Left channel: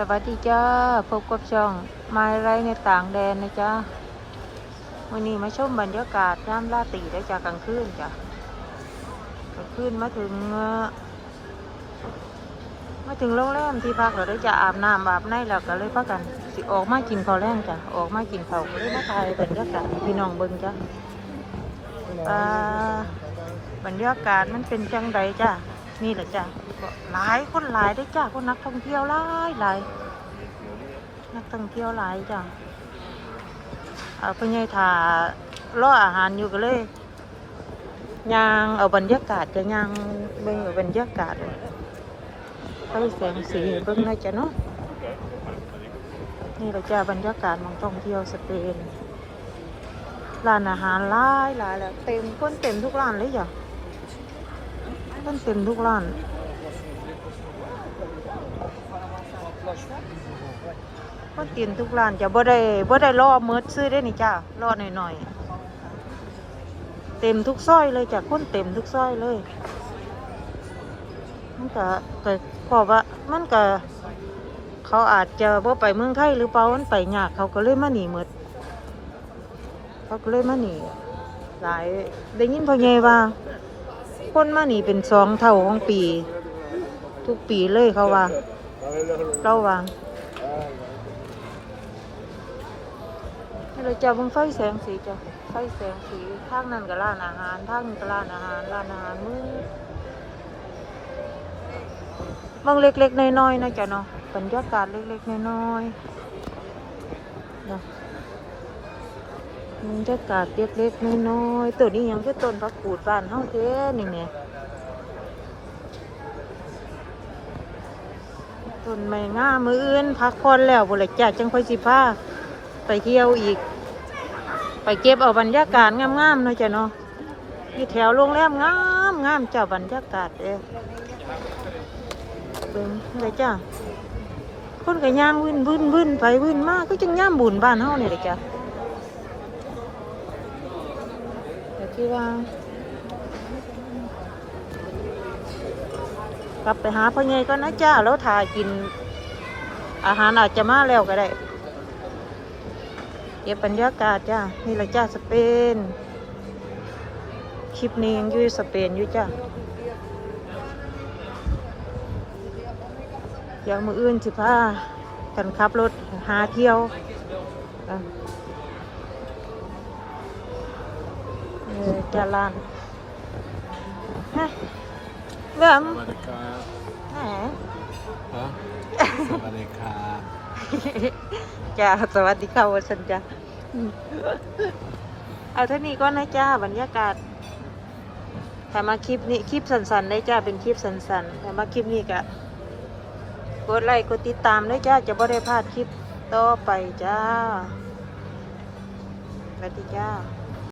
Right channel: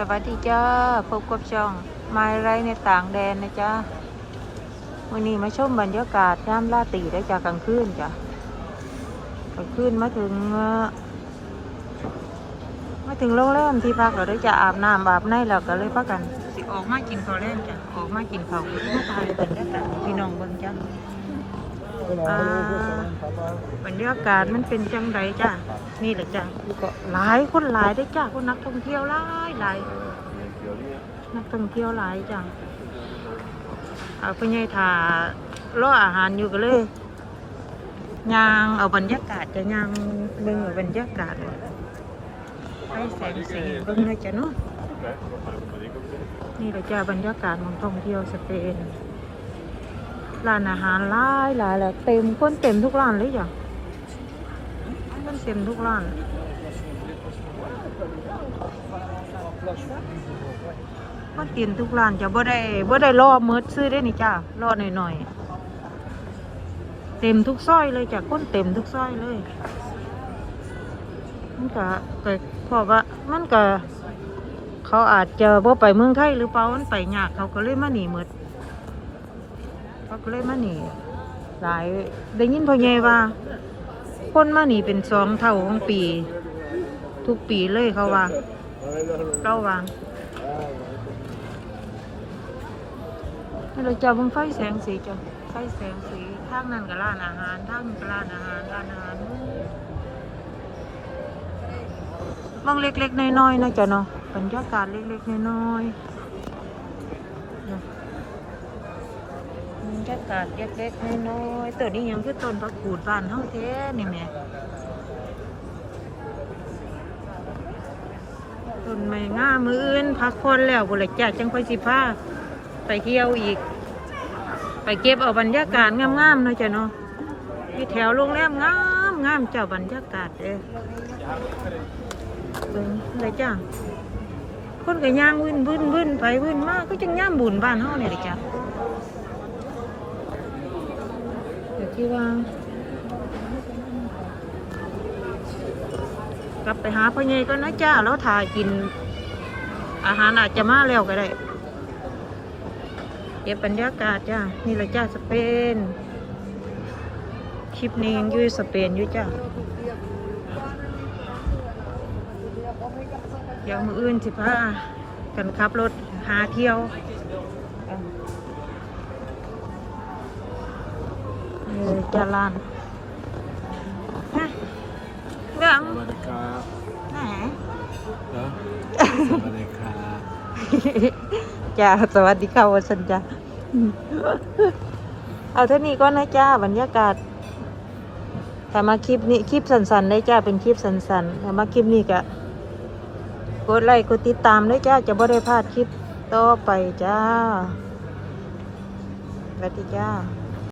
สวัสดีจ้าพบกับช่องมาไรในต่างแดนนะจ้าวันนี้มาชมบรรยากาศย่ามราตรีได้จากกลางคืนจ้ะกลางคืนมาถึงมาถึงโรงแรมที่พักเราได้จะอาบน้ำอาบในแล้วก็เลยพักกันสิออกมากินข้าวแรงจ้ะออกมากินข้าวก็เลยมาถ่ายบรรยากาศพี่น้องเบิ่งจ้ะ อ่าบรรยากาศมันเป็นจังไดจ้ะนี่แหละจ้ะก็หลายคนหลายได้จ้ะคนนักท่องเที่ยวหลายหลายนักท่องเที่ยวหลายจังเอาไปไงถ่ารออาหารอยู่ก็เลยยางเอาบรรยากาศก็ยางเบิ่งเอาบรรยากาศเลยใช้แสงสีเบิ่งหน่อยจ้ะเนาะนี่เราจะบรรยากาศของท่องเที่ยวสเปน ร้านอาหารหลายหลายแหละเต็มคนเต็มทุกร้านเลยจ้ะมันเต็มทุกร้านก็เตียนทุกร้านจะบ่ได้บ่ได้รอเมิดซื้อได้นี่จ้ารอหน่อยๆเต็มทุกซอยเลยจ้ะคนเต็มทุกซอยเลยมันก็ก็พราะว่ามันก็เขาอาจจะบ่ไปเมืองไทยหรือเปล่ามันไปยากเขาก็เลยมาหนีหมด เขาก็เลยมาหนีหลายได้ยินพ่อใหญ่ว่า คนมาหนีเป็นสองเท่าของปี ทุกปีเลยเขาว่าเราว่าให้เราจะบังไฟแสงสีจ้ะไฟแสงสีทางนั้นก็ร้านอาหารทางนี้ก็ร้านอาหารร้านอาหารมื้อบางเล็กๆน้อยๆนะจ๊ะเนาะบรรยากาศเล็กๆน้อยๆนะ รยากาศเล็กๆน้อยๆตัวนี้ยังคือต้นพักกูดบ้านเฮาเท่นี่แม่ต้นไม้ง่ามืออื่นพักผ่อนแล้วบุหรี่จ้าจังค่อยสิพาไปเที่ยวอีก ไปเก็บเอาบรรยากาศงามๆหน่อยจ้ะเนาะที่แถวโรงแรมงามงามเจ้าบรรยากาศเด้เบิ่งเลยจ้าคนก็ย่างวิ่นวิ่นวิ่นไปวิ่นมากก็จังย่ามบุญบ้านเฮาเนี่ยเลยจ้ะแต่ ที่ว่ากลับไปหาพ่อใหญ่ก็นะจ้าแล้วถ่ายกิน อาหารอาจจะมาแล้วก็ได้เก็บบรรยากาศจ้านี่ละจ้าสเปนคลิปนี้ยังอยู่สเปนอยู่จ้าอย่างมืออื่นสิพากันขับรถหาเที่ยวเออ นี่เลยจ้าลานฮะเรื่องสวัสดีครับแหมฮะสวัสดีครับจ้าสวัสดีค่ะวันสันจ้าเอาเท่านี้ก็นะจ้าบรรยากาศถ้ามาคลิปนี้คลิปสั้นๆได้จ้าเป็นคลิปสั้นๆถ้ามาคลิปนี้ก็กดไลค์กดติดตามได้จ้าจะบ่ได้พลาดคลิปต่อไปจ้าสวัสดีจ้า